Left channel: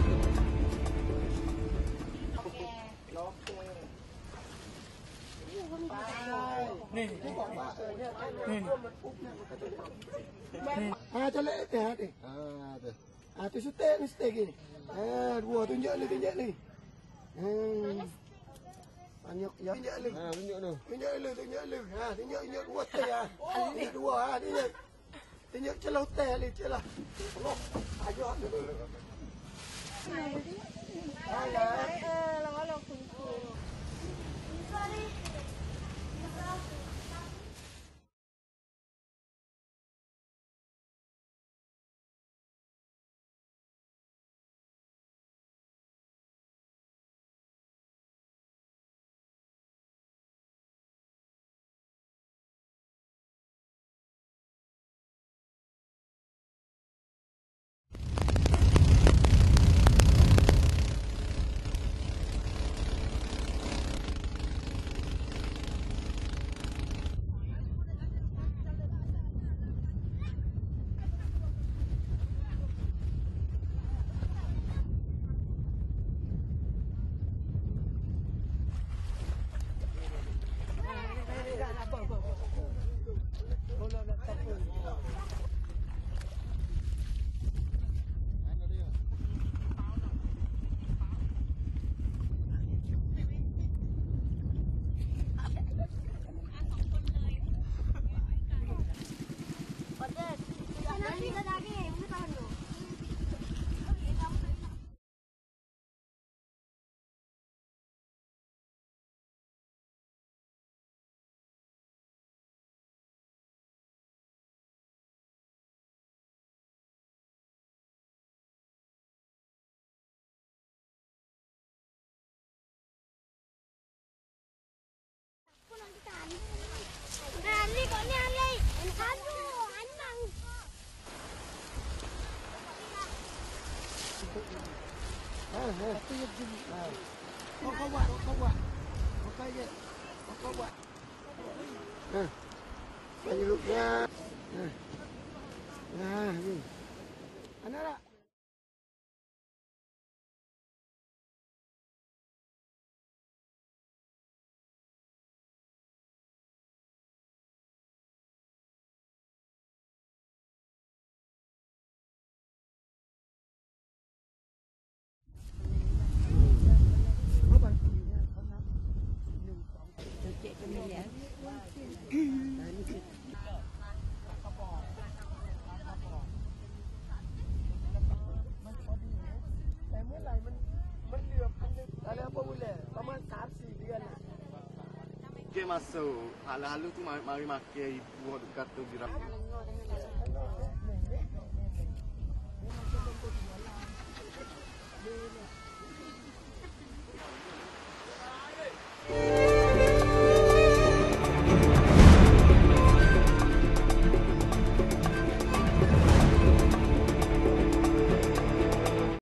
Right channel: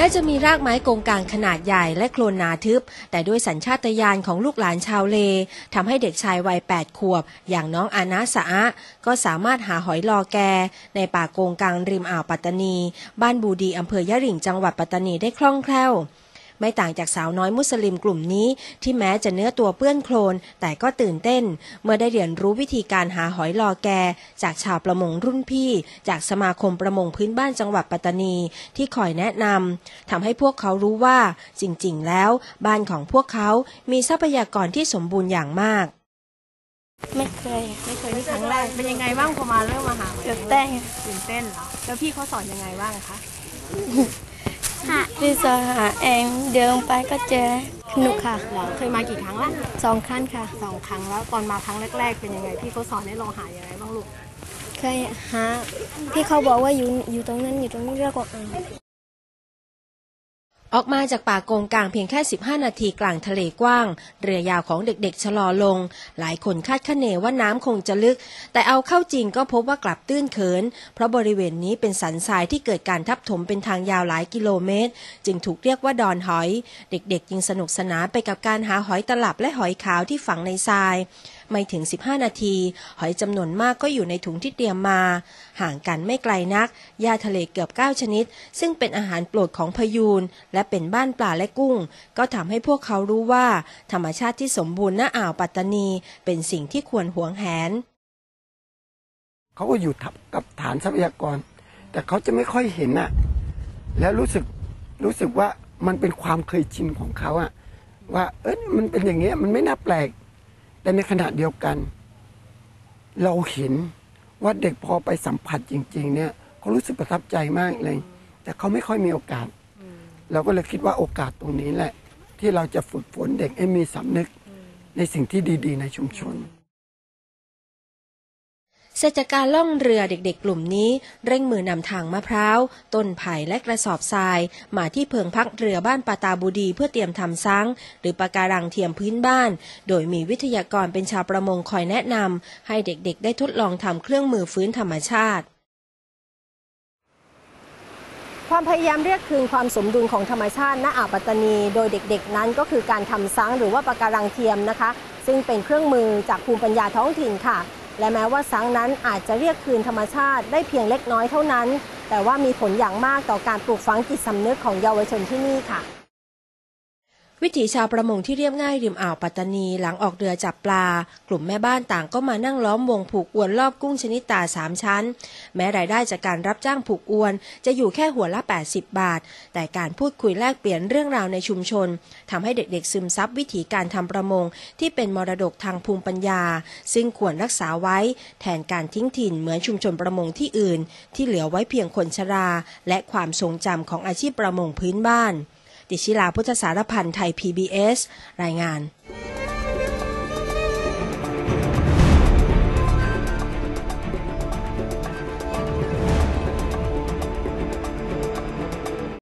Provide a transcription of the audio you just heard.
แม้จะมีรากไม้กงกลางขนาดใหญ่และโคลนนาทึบ แต่ด้วยสัญชาตญาณของลูกหลานชาวเลทำให้เด็กชายวัย 8 ขวบ อย่างน้องอานาสะอะก็สามารถหาหอยลอแก ในป่าโกงกลางริมอ่าวปัตตานี บ้านบูดีอำเภอยะหริ่งจังหวัดปัตตานีได้คล่องแคล่ว ไม่ต่างจากสาวน้อยมุสลิมกลุ่มนี้ ที่แม้จะเนื้อตัวเปื้อนโคลน แต่ก็ตื่นเต้น เมื่อได้เรียนรู้วิธีการหาหอยลอแก จากชาวประมงรุ่นพี่ จากสมาคมประมงพื้นบ้านจังหวัดปัตตานี ที่คอยแนะนำทำให้พวกเขารู้ว่าจริง ๆ แล้ว บ้านของพวกเขา มีทรัพยากรที่สมบูรณ์อย่างมากไม่เคยไม่เคยนี่ครั้งแรกเป็นยังไงบ้างพอมาเริ่มมาหาหอยตื่นเต้นตื่นเต้นเหรอแล้วพี่เขาสอนยังไงบ้างคะ พี่สอนหาเองเดินไปก็เจอสนุกค่ะเหรอเคยมากี่ครั้งละสองขั้นค่ะ สองครั้งแล้วตอนมาครั้งแรก ๆ เป็นยังไงพี่เขาสอนให้เราหายังไงบ้างลูกเคยหาพี่เขาบอกว่าอยู่อยู่ตรงนั้นอยู่ตรงนี้เรียกว่าเออกมาจากป่าโกงกลางเพียงแค่ 15 นาทีกลางทะเลกว้าง เรือยาวของเด็กๆ ชะลอลง หลายคนคาดคะเนว่าน้ำคงจะลึก แต่เอาเข้าจริงก็พบว่ากลับตื้นเขิน เพราะบริเวณนี้เป็นสันทรายที่เกิดการทับถมเป็นทางยาวหลายกิโลเมตร จึงถูกเรียกว่าดอนหอย เด็กๆยังสนุกสนานไปกับการหาหอยตลับและหอยขาวที่ฝังในทราย ไม่ถึง 15 นาที หอยจำนวนมากก็อยู่ในถุงที่เตรียมมา ห่างกันไม่ไกลนักหญ้าทะเลเกือบ 9 ชนิด ซึ่งเป็นอาหารโปรดของพยูน และเป็นบ้านปลาและกุ้ง ก็ทำให้พวกเขารู้ว่า ธรรมชาติที่สมบูรณ์ณอ่าวปัตตานี เป็นสิ่งที่ควรหวงแหนเขาก็อยู่ทับกับฐานทรัพยากร แต่เขาจะไม่ค่อยเห็นอะแล้วรู้สึกรู้สึกว่ามันเป็นความเคยชินของเขาอะว่าเอ้ยมันเป็นอย่างเงี้ยมันไม่น่าแปลก แต่ในขณะเดียวกัน เราเห็นว่าเด็กพอไปสัมผัสจริง ๆ เนี่ยเขารู้สึกประทับใจมากเลย แต่เขาไม่ค่อยมีโอกาส เราก็เลยคิดว่าโอกาสตรงนี้แหละ ที่เราจะฝึกฝนเด็กให้มีสำนึกในสิ่งที่ดี ๆ ในชุมชน เสร็จจากการล่องเรือเด็กๆ กลุ่มนี้ เร่งมือนำทางมะพร้าว ต้นไผ่และกระสอบทราย มาที่เพิงพักเรือบ้านปาตาบูดีเพื่อเตรียมทำซังหรือปะการังเทียมพื้นบ้าน โดยมีวิทยากรเป็นชาวประมงคอยแนะนำให้เด็กๆ ได้ทดลองทำเครื่องมือฟื้นธรรมชาติความพยายามเรียกคืนความสมดุลของธรรมชาติณอ่าวปัตตานี โดยเด็กๆ นั้นก็คือการทำซังหรือว่าปะการังเทียมนะคะ ซึ่งเป็นเครื่องมือจากภูมิปัญญาท้องถิ่นค่ะ และแม้ว่าสังนั้นอาจจะเรียกคืนธรรมชาติได้เพียงเล็กน้อยเท่านั้น แต่ว่ามีผลอย่างมากต่อการปลูกฝังจิตสำนึกของเยาวชนที่นี่ค่ะ วิถีชาวประมงที่เรียบง่ายริมอ่าวปัตตานีหลังออกเรือจับปลา กลุ่มแม่บ้านต่างก็มานั่งล้อมวงผูกอวนรอบกุ้งชนิดตาสามชั้น แม้รายได้จากการรับจ้างผูกอวน จะอยู่แค่หัวละ 80 บาท แต่การพูดคุยแลกเปลี่ยนเรื่องราวในชุมชนทำให้เด็กๆซึมซับวิถีการทำประมง ที่เป็นมรดกทางภูมิปัญญา ซึ่งควรรักษาไว้ แทนการทิ้งถิ่นเหมือนชุมชนประมงที่อื่น ที่เหลือไว้เพียงคนชรา และความทรงจำของอาชีพประมงพื้นบ้าน ติชิลาพุทธสารพันธ์ไทย PBS รายงาน